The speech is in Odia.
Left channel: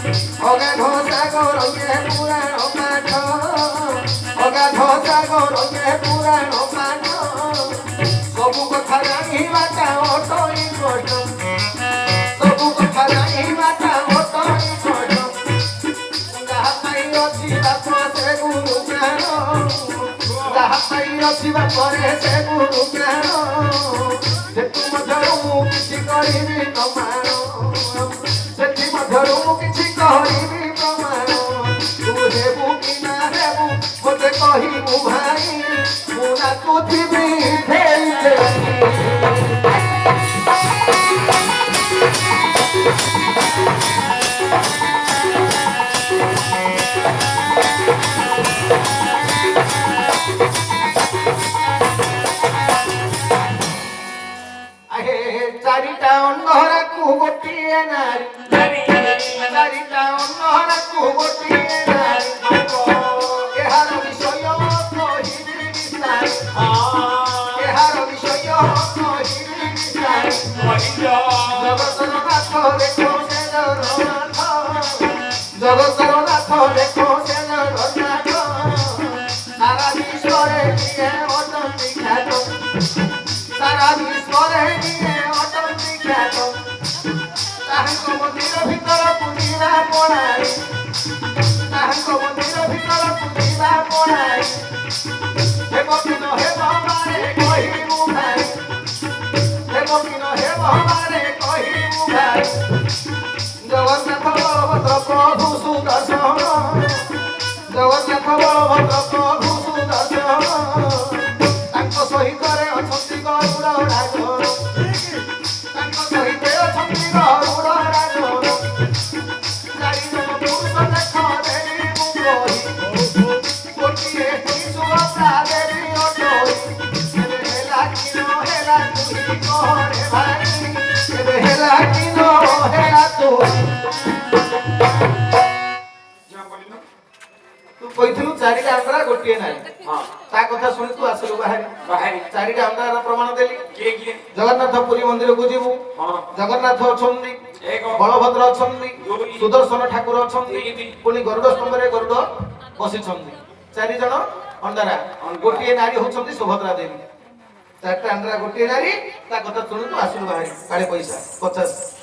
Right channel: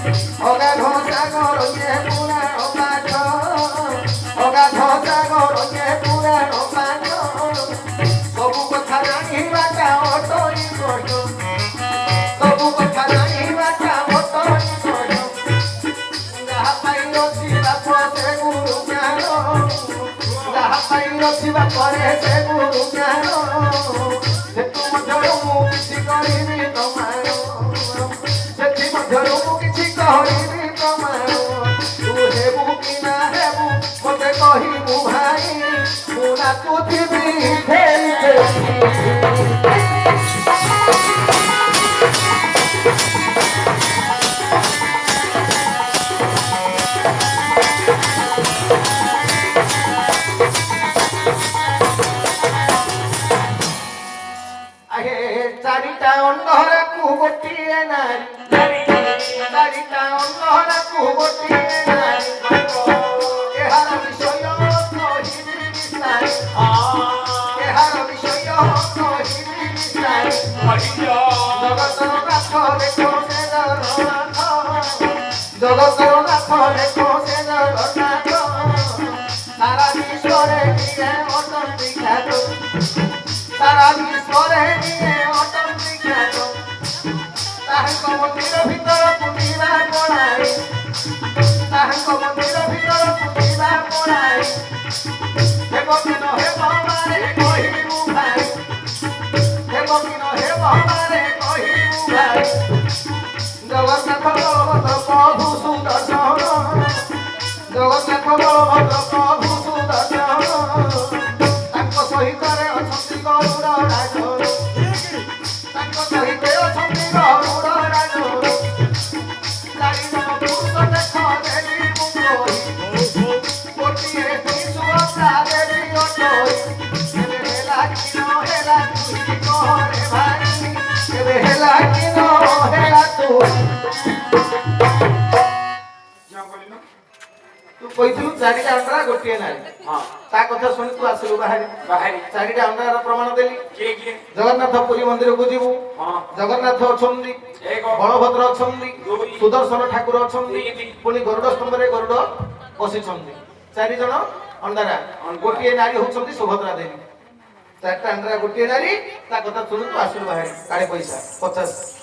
ଅଗାଧ ସାଗରରେ ପୁରାଣ ପାଠ ଅଗାଧ ସାଗରରେ ପୁରାଣ ପାଠ ସବୁ କଥା ଜାଣିବାଟା ଅଟଇ କଷ୍ଟ ସବୁ କଥା ଜାଣିବାଟା ଅଟଇ କଷ୍ଟ ଯାହା ପାଇ ଅଛି ବାପ ସେ ଗୁରୁ ଜ୍ଞାନ ଯାହା ପାଇ ଅଛି ବାପରେ ସେ ଗୁରୁ ଜ୍ଞାନ ସେଠୁ ମଧ୍ୟରୁ ମୁଁ କିଛି କରିବି ତମାର ସେଥି ମଧ୍ୟରୁ ମୁଁ କିଛି କରିବି ତମାର ତୁ ହେବୁ କି ନା ହେବୁ ମୋତେ କହିବୁ ଭାଇ ମୁଁ ନାଚୁଥିବି ଫେରି ଆହେ ଚାରିଟା ଅନ୍ଧରାକୁ ଗୋଟିଏ ନାରୀ ଚାରିଟା ଅନ୍ଧରାକୁ ଗୋଟିଏ ନାରୀ ଏହାର ବିଷୟ କହିବି ବିସ୍ତାରି ଏହାର ବିଷୟ କହିବି ବିସ୍ତାରି ଜଗତର ନାଥ ଦେଖ ସେ ଜଗନ୍ନାଥ ଜଗତର ନାଥ ଦେଖ ସେ ଜଗନ୍ନାଥ ସାରା ବିଶ୍ୱରେ କିଏ ଅଟନ୍ତି ଖ୍ୟାତ ସାରା ବିଶ୍ୱରେ କିଏ ଅଟନ୍ତି ଖ୍ୟାତ ତାହାଙ୍କ ମନ୍ଦିର ଭିତରକୁ ଯିବା ପଳାଇ ତାହାଙ୍କ ମନ୍ଦିର ଭିତରକୁ ଯିବା ପଳାଇ ହେବ କି ନ ହେବ ମାରେ କହିବୁ ଭାଇ ହେବ କି ନ ହେବ ମାରେ କହିବୁ ଭାଇ ଜଗନ୍ନାଥ ବଳଭଦ୍ର ପ୍ରଭୁ ସୁଦର୍ଶନ ଜଗନ୍ନାଥ ବଳଭଦ୍ର ପ୍ରଭୁ ସୁଦର୍ଶନ ତାଙ୍କ ସହିତ ଅଛନ୍ତି ଗରୁଡ଼ ରାଜର ତାଙ୍କ ସହିତ ଅଛନ୍ତି ଗରୁଡ଼ ରାଜର ଚାରିଜଣ ପୁରୁଷ ଦେଖ ଦେବୀ ମୁଣ୍ଡଇ ଗୋଟିଏ ସୁଭଦ୍ରା ଦେବୀ ଅଟଇ କେବେ ହେଲା କି ନ ହେଲା ତୁହି କହରେ ଭାଇ କେବେ ହେଲା କି ନ ହେଲା ତୁହି ତୁ କହିଥିଲୁ ଚାରିଟା ଅଣ୍ଡରା ଗୋଟିଏ ନାରୀ ତା କଥା ଶୁଣି ତୁ ଆସିଲୁ ବାହାରି ଚାରିଟା ଅଣ୍ଡରାର ପ୍ରମାଣ ଦେଲି ଜଗନ୍ନାଥ ପୁରୀ ମନ୍ଦିରକୁ ଯିବୁ ଜଗନ୍ନାଥ ଅଛନ୍ତି ବଳଭଦ୍ର ଅଛନ୍ତି ସୁଦର୍ଶନ ଠାକୁର ଅଛନ୍ତି ପୁଣି ଗରୁଡ଼ ସ୍ତମ୍ଭରେ ଗରୁଡ଼ ବସିଛନ୍ତି ଚାରିଜଣ ଅଣ୍ଡରା ଗୋଟିଏ ନାରୀ ହଉଛନ୍ତି ସୁଭଦ୍ରା ଦେବୀ ଚାରିଟା ଅଣ୍ଡରା ଗୋଟିଏ ନାରୀ ତା କଥା ଶୁଣି ତୁ ଆସିଲୁ ବାହାରି କାଳେ ପଇସା 50